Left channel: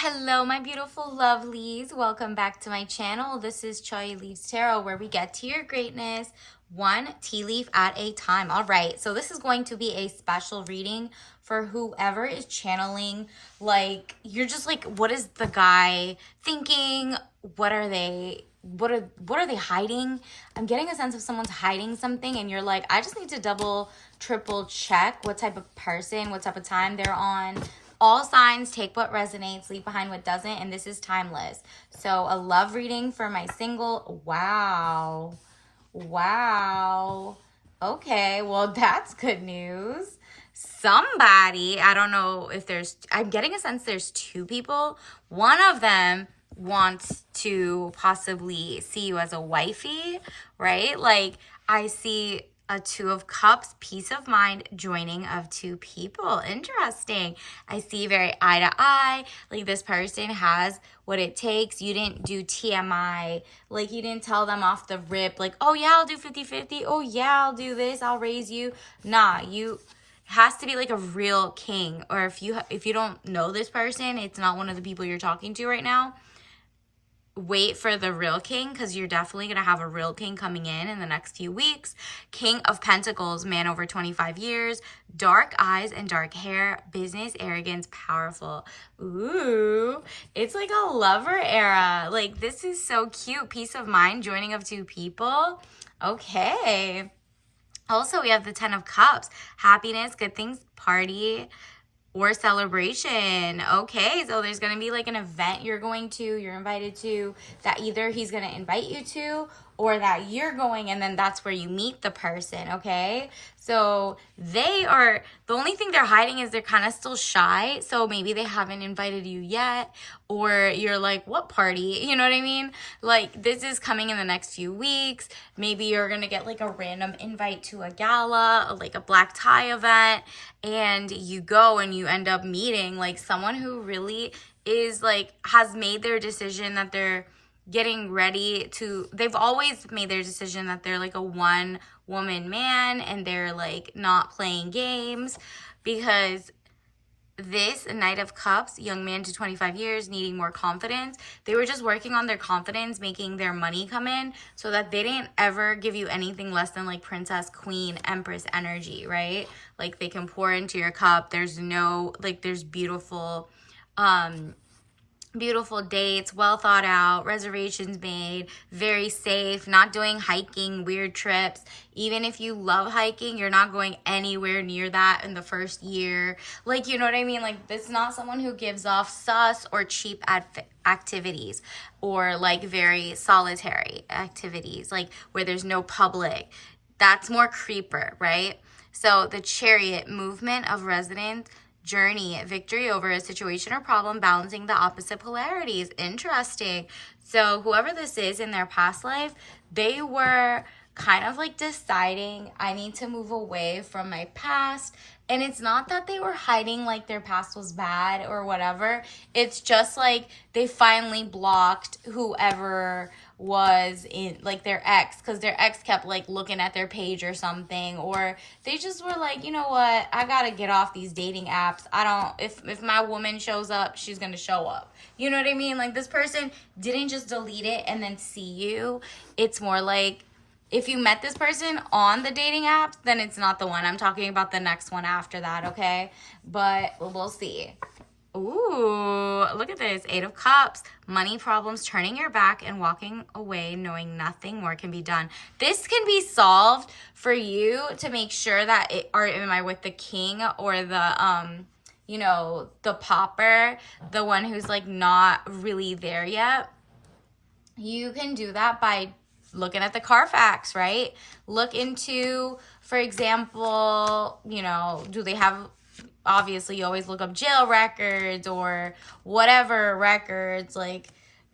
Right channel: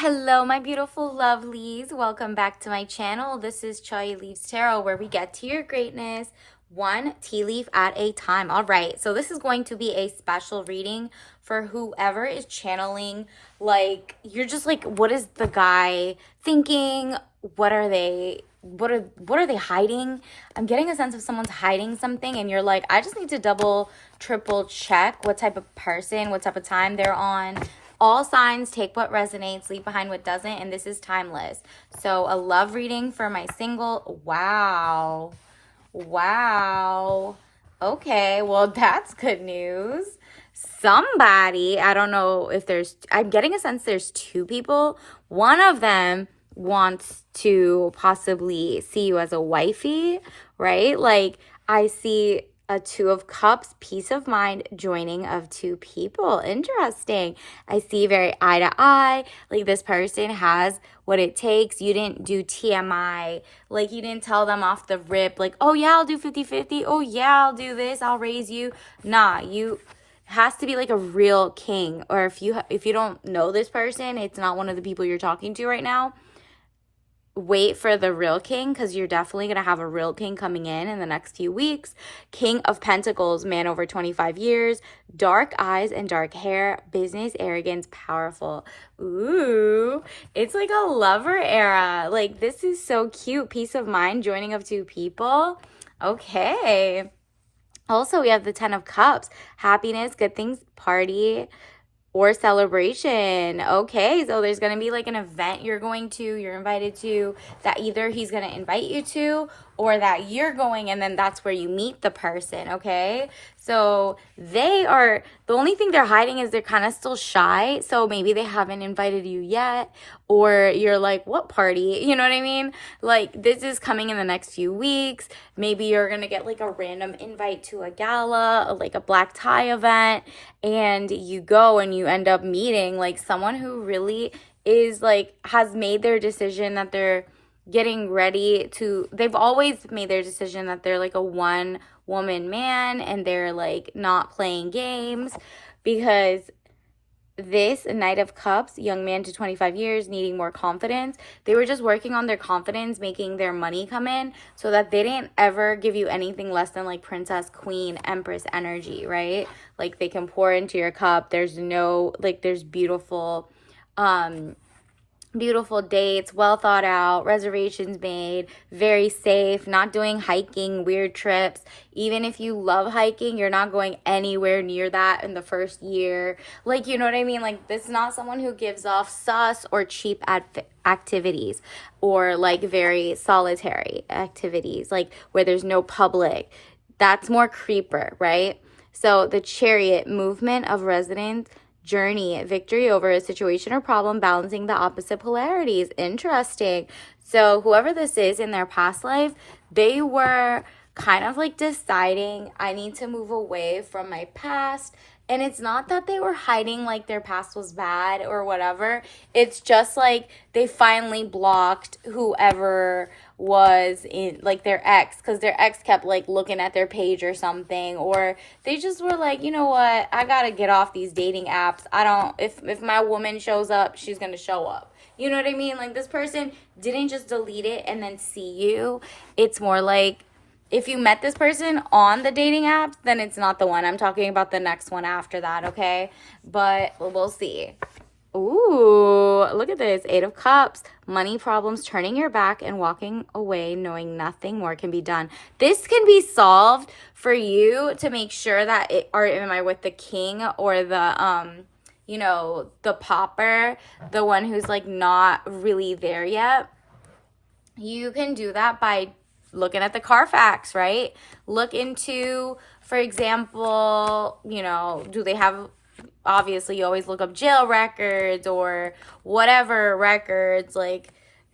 Hello, my beautiful lovelies. Welcome back to my channel. This is Chai Leaves Tarot, where we get to your greatness one tea leaf at a time. All right, so this is going to be a special reading for whoever is channeling. Like, you're just like, what is the guy thinking? What are they hiding? I'm getting a sense of someone's hiding something, and you're like, I just need to double, triple check what type of person, what type of time they're on. All signs, take what resonates, leave behind what doesn't, and this is timeless. So a love reading for my single. Wow. Wow. Okay, well, that's good news. Somebody, I don't know if I'm getting a sense there's two people. One of them wants to possibly see you as a wifey, right? Like, I see a two of cups, peace of mind, joining of two people. Interesting. I see very eye to eye. Like, this person has what it takes. You didn't do TMI. Like, you didn't tell them off the rip, like, oh yeah, I'll do 50-50. Oh yeah, I'll do this. I'll raise you. Nah, you has to be like a real king. Or if you don't know this person, it's not one of the people you're talking to right now, wait for the real king, because you're definitely going to have a real king coming in the next few weeks. King of Pentacles, man over 25 years, dark eyes and dark hair, business, arrogance, powerful. Ooh, it's like a lover era. Like, this is so cute. Peace of mind, joining of two people. Okay. Also, we have the 10 of Cups, happiness, good things, party, or celebration. Okay, so there's going to be like an event you're invited to, that either he's going to invite you to or that you're going, and then that's where you meet the person. Okay, so the only thing they're hiding is they're kind of still shy, so maybe they haven't invited you yet, or you're like, what party? You know what I mean? Like, this is coming in the next few weeks. Maybe you're going to get like a random invite to a gala, like a black tie event, and you go and you end up meeting like someone who really is like, has made their decision that they're getting ready to, they've always made their decision that they're like a one woman man, and they're like not playing games, because this Knight of Cups, young man to 25 years, needing more confidence. They were just working on their confidence, making their money come in, so that they didn't ever give you anything less than like princess, queen, empress energy, right? Like, they can pour into your cup. There's no, like, there's beautiful dates, well thought out, reservations made, very safe, not doing hiking, weird trips. Even if you love hiking, you're not going anywhere near that in the first year. Like, you know what I mean? Like, this is not someone who gives off sus or cheap activities, or like very solitary activities, like where there's no public. That's more creeper, right? So the Chariot, movement of resonance, journey, victory over a situation or problem, balancing the opposite polarities. Interesting. So whoever this is in their past life, they were kind of like deciding, I need to move away from my past. And it's not that they were hiding like their past was bad or whatever. It's just like they finally blocked whoever was in like their ex, because their ex kept like looking at their page or something, or they just were like, you know what, I gotta get off these dating apps. I don't, if my woman shows up, she's gonna show up. You know what I mean? Like, this person didn't just delete it and then see you. It's more like, if you met this person on the dating apps, then it's not the one. I'm talking about the next one after that, okay? But we'll see. Ooh, look at this. 8 of Cups, money problems, turning your back and walking away, knowing nothing more can be done. This can be solved for you to make sure that or am I with the king or the, the pauper, the one who's like not really there yet? You can do that by looking at the Carfax, right? Look into, for example, do they have, obviously you always look up jail records or whatever records. Like,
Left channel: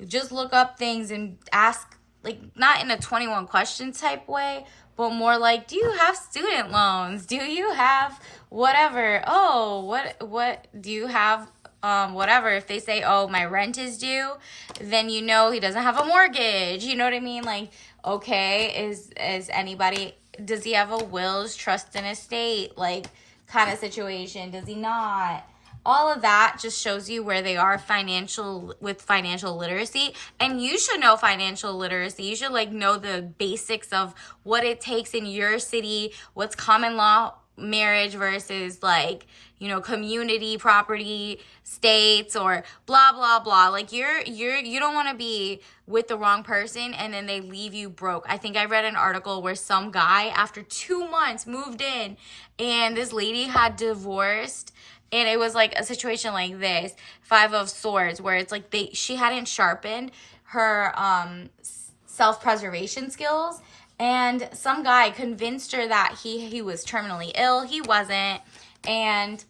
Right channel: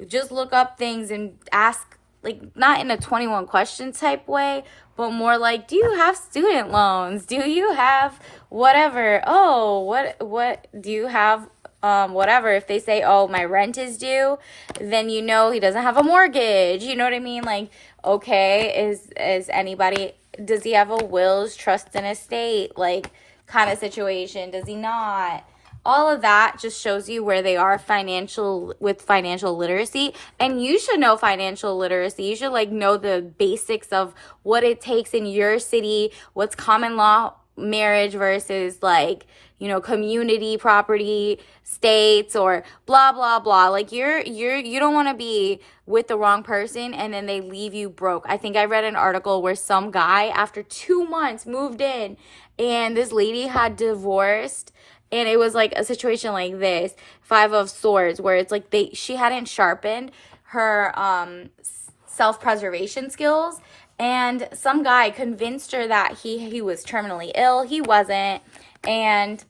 just look up things and ask, like, not in a 21 question type way, but more like, do you have student loans? Do you have whatever? Oh, what do you have? Whatever. If they say, oh, my rent is due, then he doesn't have a mortgage. You know what I mean? Like, okay, is anybody, does he have a wills, trust and estate, like, kind of situation? Does he not? all of that just shows you where they are with financial literacy. And you should know financial literacy. You should like know the basics of what it takes in your city, what's common law marriage versus like, you know, community property states or blah blah blah. Like you don't want to be with the wrong person and then they leave you broke. I think I read an article where some guy after 2 months moved in and this lady had divorced, and it was like a situation like this, 5 of Swords, where it's like she hadn't sharpened her self-preservation skills, and some guy convinced her that he was terminally ill. He wasn't, and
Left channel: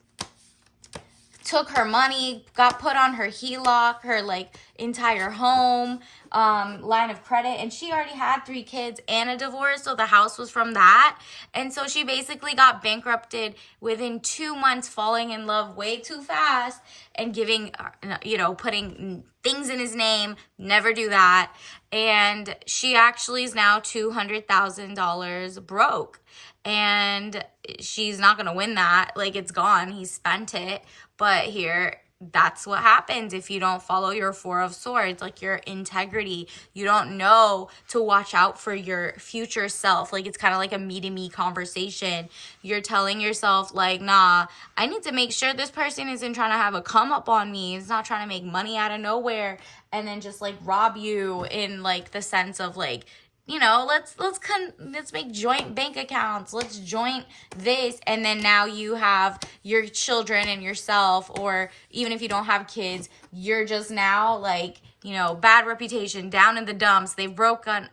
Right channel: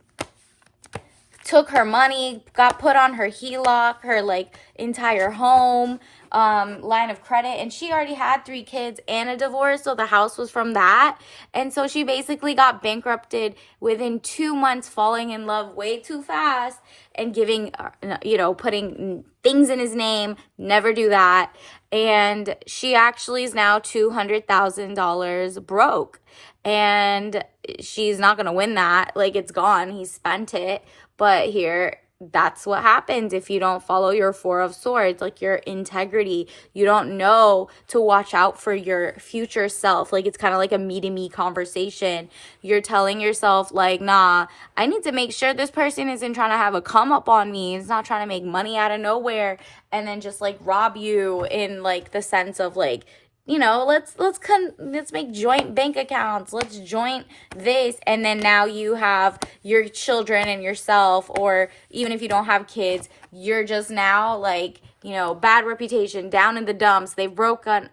took her money, got put on her HELOC, her like entire home, line of credit, and she already had 3 kids and a divorce, so the house was from that. And so she basically got bankrupted within 2 months, falling in love way too fast and giving, you know, putting things in his name. Never do that. And she actually is now $200,000 broke, and she's not gonna win that. Like, it's gone, he spent it. But here, that's what happens if you don't follow your 4 of Swords, like your integrity. You don't know to watch out for your future self. Like, it's kind of like a me-to-me conversation. You're telling yourself, like, nah, I need to make sure this person isn't trying to have a come up on me. It's not trying to make money out of nowhere and then just, like, rob you in, like, the sense of, like, you know, let's make joint bank accounts. Let's joint this. And then now you have your children and yourself, or even if you don't have kids, you're just now like, you know, bad reputation, down in the dumps. They've broken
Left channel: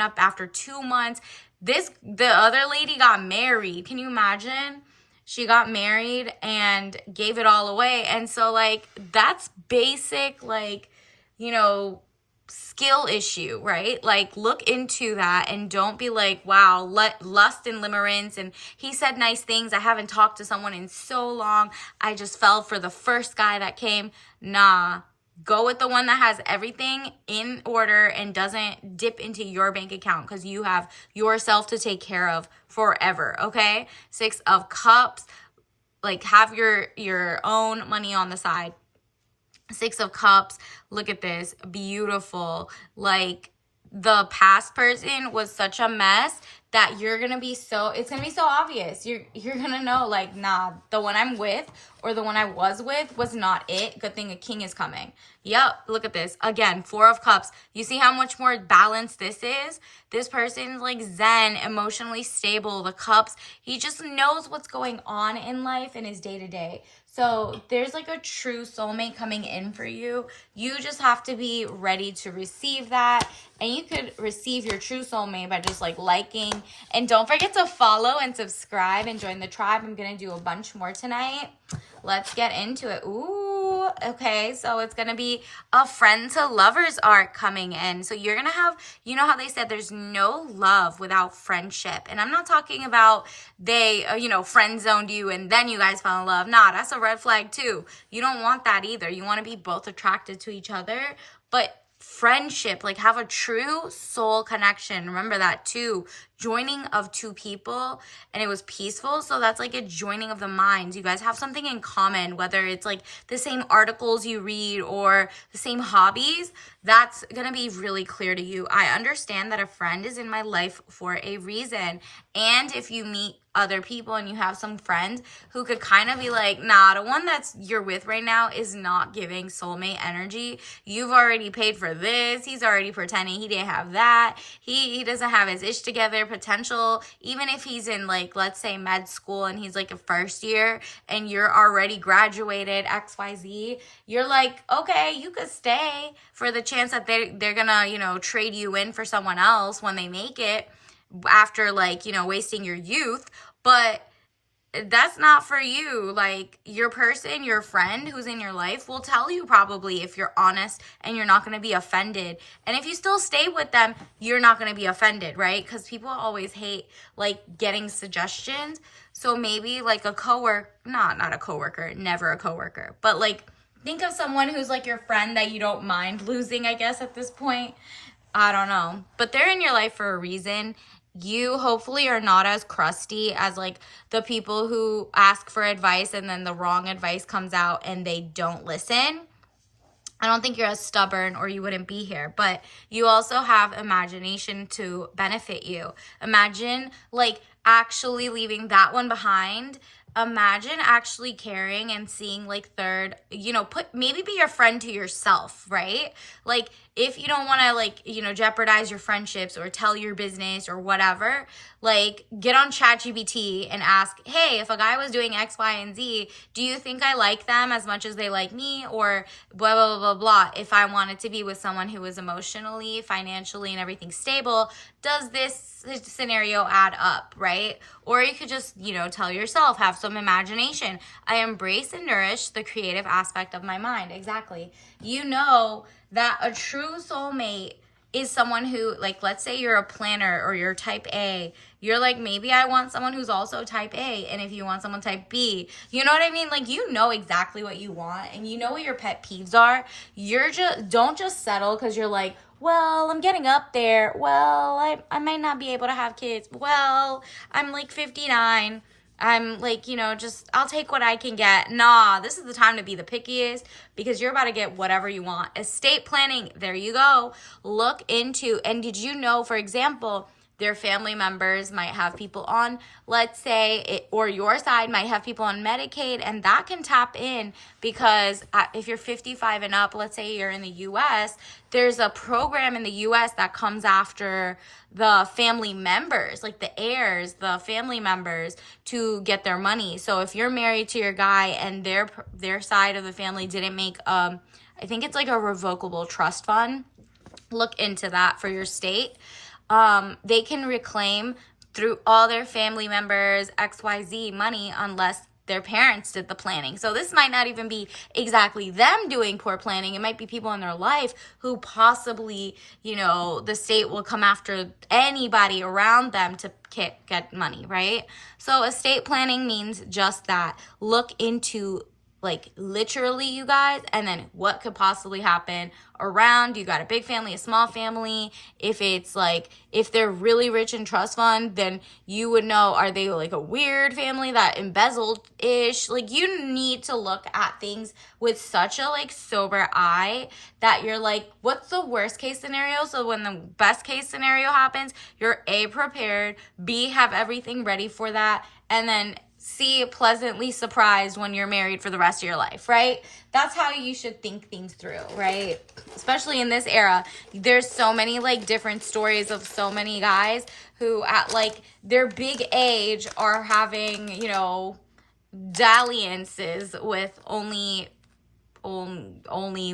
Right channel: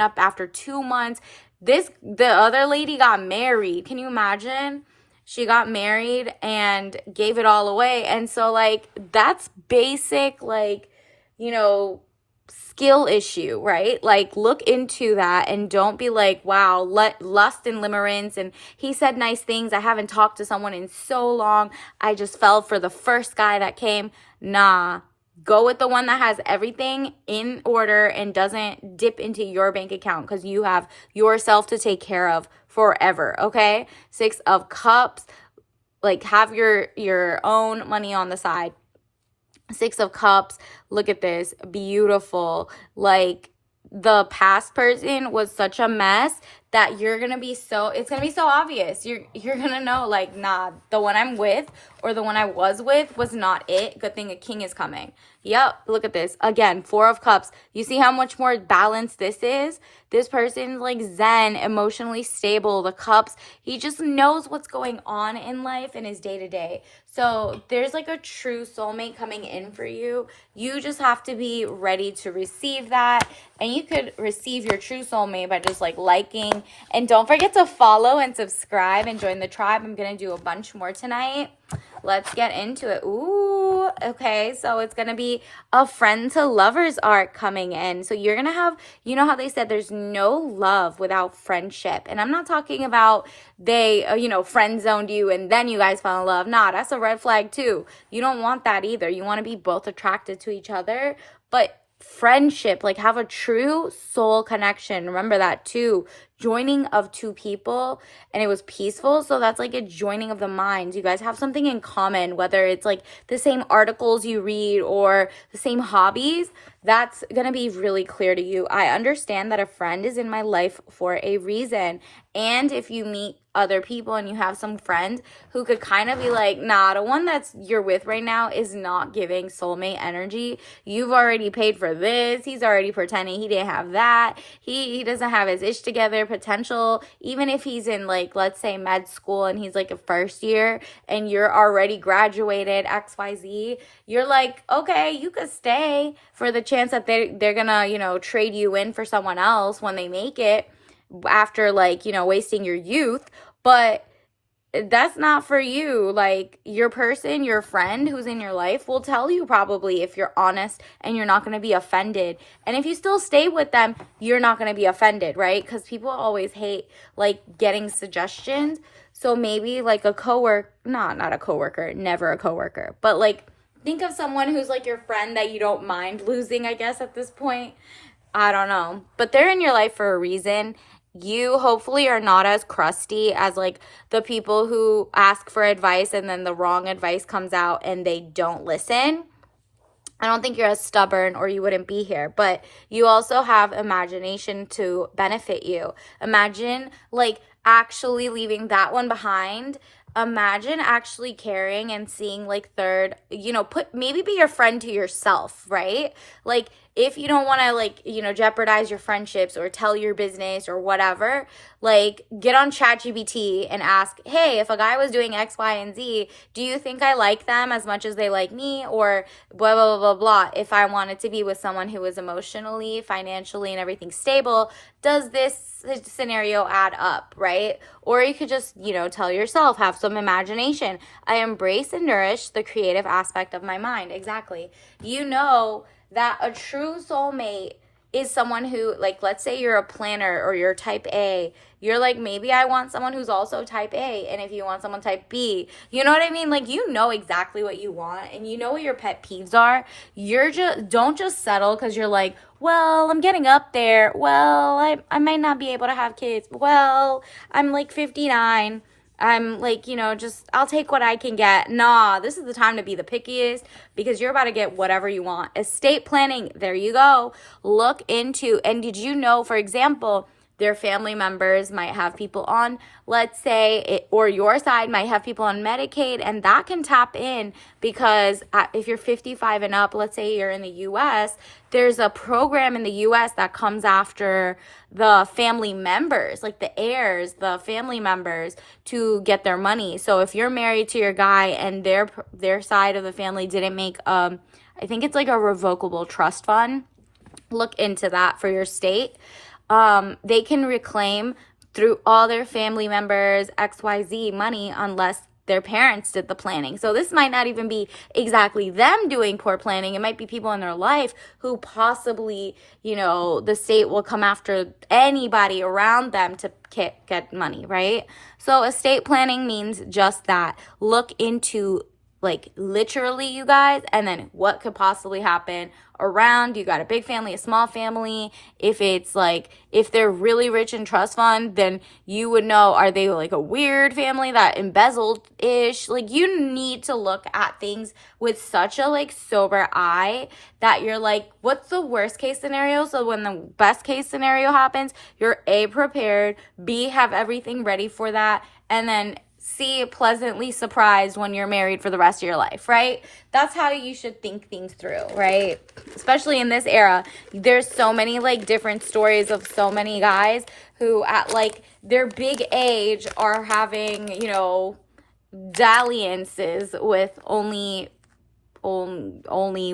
up after 2 months. The other lady got married. Can you imagine? She got married and gave it all away. And so like, that's basic, like, you know, skill issue, right? Like, look into that and don't be like, wow, lust and limerence, and he said nice things, I haven't talked to someone in so long, I just fell for the first guy that came. Nah, go with the one that has everything in order and doesn't dip into your bank account, because you have yourself to take care of forever. Okay, 6 of Cups, like, have your own money on the side. 6 of Cups, look at this, beautiful. Like, the past person was such a mess that it's gonna be so obvious. You're gonna know, like, nah, the one I'm with or the one I was with was not it. Good thing a king is coming. Yep, look at this. Again, 4 of Cups. You see how much more balanced this is? This person's like zen, emotionally stable. The Cups, he just knows what's going on in life in his day-to-day. So there's like a true soulmate coming in for you. You just have to be ready to receive that. And you could receive your true soulmate by just like liking. And don't forget to follow and subscribe and join the tribe. I'm going to do a bunch more tonight. Let's get into it. Ooh, okay. So it's going to be a friend to lovers arc coming in. So you're going to have, you know how they said there's no love without friendship. And I'm not talking about they, friend zoned you and then you guys fell in love. Nah, that's a red flag too. You don't want that either. You want to be both attracted to each other, but friendship, like, have a true soul connection. Remember that too. Joining of 2 people, and it was peaceful. So that's like a joining of the minds. You guys have something in common, whether it's like the same articles you read or the same hobbies. That's gonna be really clear to you. I understand that a friend is in my life for a reason. And if you meet other people and you have some friends who could kind of be like, nah, the one that's you're with right now is not giving soulmate energy. You've already paid for this. He's already pretending he didn't have that. He doesn't have his ish together potential. Even if he's in, like, let's say med school and he's like a first year and you're already graduated XYZ, you're like, okay, you could stay for the chance that they're gonna, trade you in for someone else when they make it after, like, wasting your youth. But that's not for you. Like, your person, your friend who's in your life will tell you probably if you're honest and you're not going to be offended. And if you still stay with them, you're not going to be offended, right? Because people always hate, like, getting suggestions. So maybe like a coworker, not a coworker, never a coworker, but like, think of someone who's like your friend that you don't mind losing, I guess, at this point. I don't know. But they're in your life for a reason. you hopefully are not as crusty as like the people who ask for advice and then the wrong advice comes out and they don't listen. I don't think you're as stubborn or you wouldn't be here, but you also have imagination to benefit you. Imagine like actually leaving that one behind. Imagine actually caring and seeing like third, maybe be your friend to yourself, right? Like if you don't want to like, jeopardize your friendships or tell your business or whatever, like get on ChatGPT and ask, hey, if a guy was doing X, Y, and Z, do you think I like them as much as they like me? Or blah, blah, blah, blah, blah. If I wanted to be with someone who is emotionally, financially, and everything stable, does this scenario add up, right? Or you could just, tell yourself, have some imagination. I embrace and nourish the creative aspect of my mind. Exactly. You know that a true soulmate is someone who, like, let's say you're a planner or you're type A. You're like, maybe I want someone who's also type A. And if you want someone type B, you know what I mean? Like, you know exactly what you want and you know what your pet peeves are. Don't just settle because you're like, well, I'm getting up there. Well, I might not be able to have kids. Well, I'm like 59. I'm like, I'll take what I can get. Nah, this is the time to be the pickiest because you're about to get whatever you want. Estate planning, there you go. Look into, and did you know, for example, their family members might have people on, let's say, or your side might have people on Medicaid, and that can tap in because if you're 55 and up, let's say you're in the U.S., there's a program in the U.S. that comes after the family members, like the heirs, the family members, to get their money. So if you're married to your guy and their side of the family didn't make, I think it's like a revocable trust fund, look into that for your state. They can reclaim through all their family members XYZ money unless their parents did the planning. So this might not even be exactly them doing poor planning. It might be people in their life who possibly, the state will come after anybody around them to get money, right? So estate planning means just that. Look into like literally, you guys, and then what could possibly happen around. You got a big family, a small family. If it's like, if they're really rich in trust fund, then you would know, are they like a weird family that embezzled-ish? Like, you need to look at things with such a like sober eye that you're like, what's the worst case scenario? So when the best case scenario happens, you're A, prepared, B, have everything ready for that, and then C, pleasantly surprised when you're married for the rest of your life, right? That's how you should think things through, right? Especially in this era. There's so many like different stories of so many guys who at like their big age are having, dalliances with only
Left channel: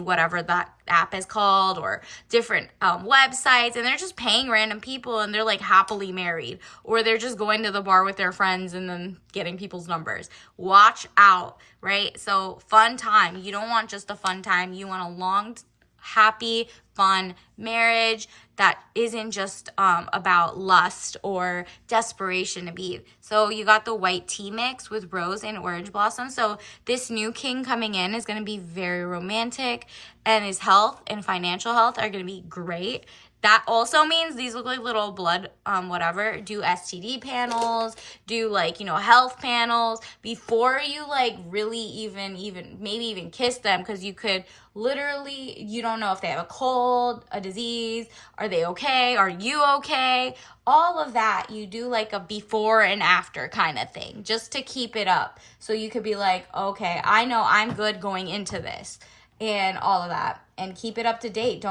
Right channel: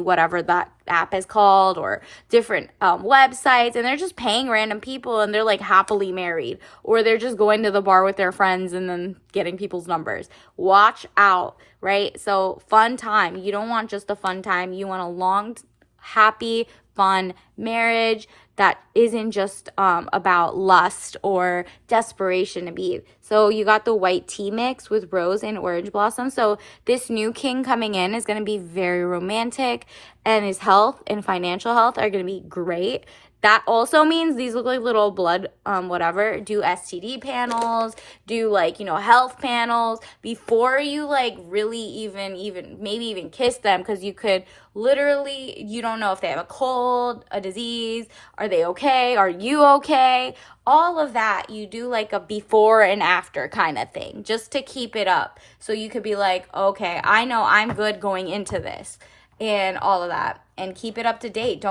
whatever that app is called, or different websites, and they're just paying random people and they're like happily married, or they're just going to the bar with their friends and then getting people's numbers. Watch out, right? So fun time. You don't want just a fun time. You want a long, happy, fun marriage that isn't just about lust or desperation to be. So you got the white tea mix with rose and orange blossom. So this new king coming in is going to be very romantic, and his health and financial health are going to be great. That also means these look like little blood, whatever. Do STD panels, do like, health panels before you like really even maybe even kiss them, because you could literally, you don't know if they have a cold, a disease, are they okay? Are you okay? All of that, you do like a before and after kind of thing, just to keep it up. So you could be like, okay, I know I'm good going into this and all of that, and keep it up to date.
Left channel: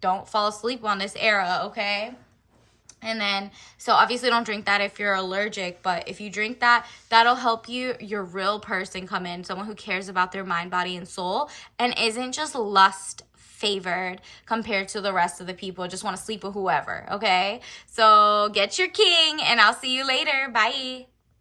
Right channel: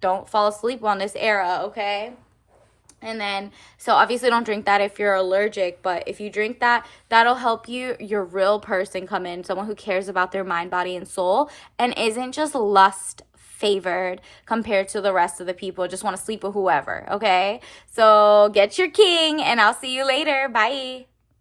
Don't fall asleep on this era, okay? And then, so obviously don't drink that if you're allergic, but if you drink that, that'll help your real person come in, someone who cares about their mind, body, and soul, and isn't just lust favored compared to the rest of the people, just want to sleep with whoever, okay? So get your king, and I'll see you later. Bye.